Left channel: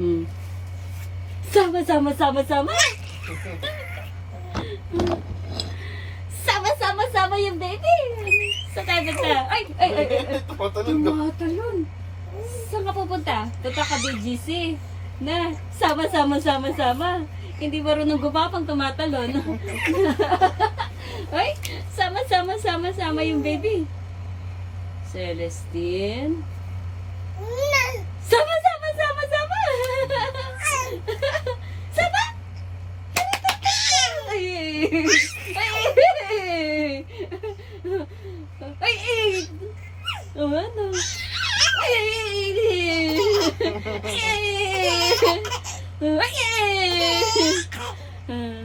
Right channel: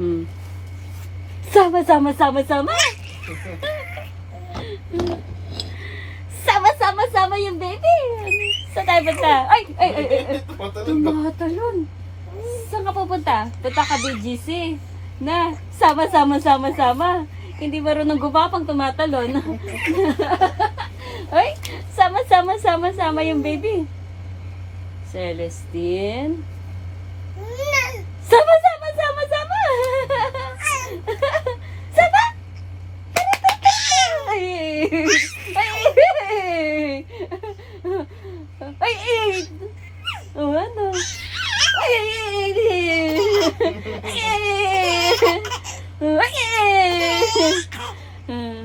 Hmm. Sama, sama, sama, sama. Sama, sama, sama yung baby. Saan tayo punta? Ay, ay, ay, ay. Tumatalon. Saan ka pupunta? Punta ka BGC. Na, sama, sama, sama, sama. Hindi marunong gumapang tumatalon. Ay, sama, sama, sama, sama yung baby. Celestine. Sama, sama, sama, sama. Sama. Ay, ay, ay, ay. Oh, ano? Ay, ay, ay. Ay, ay.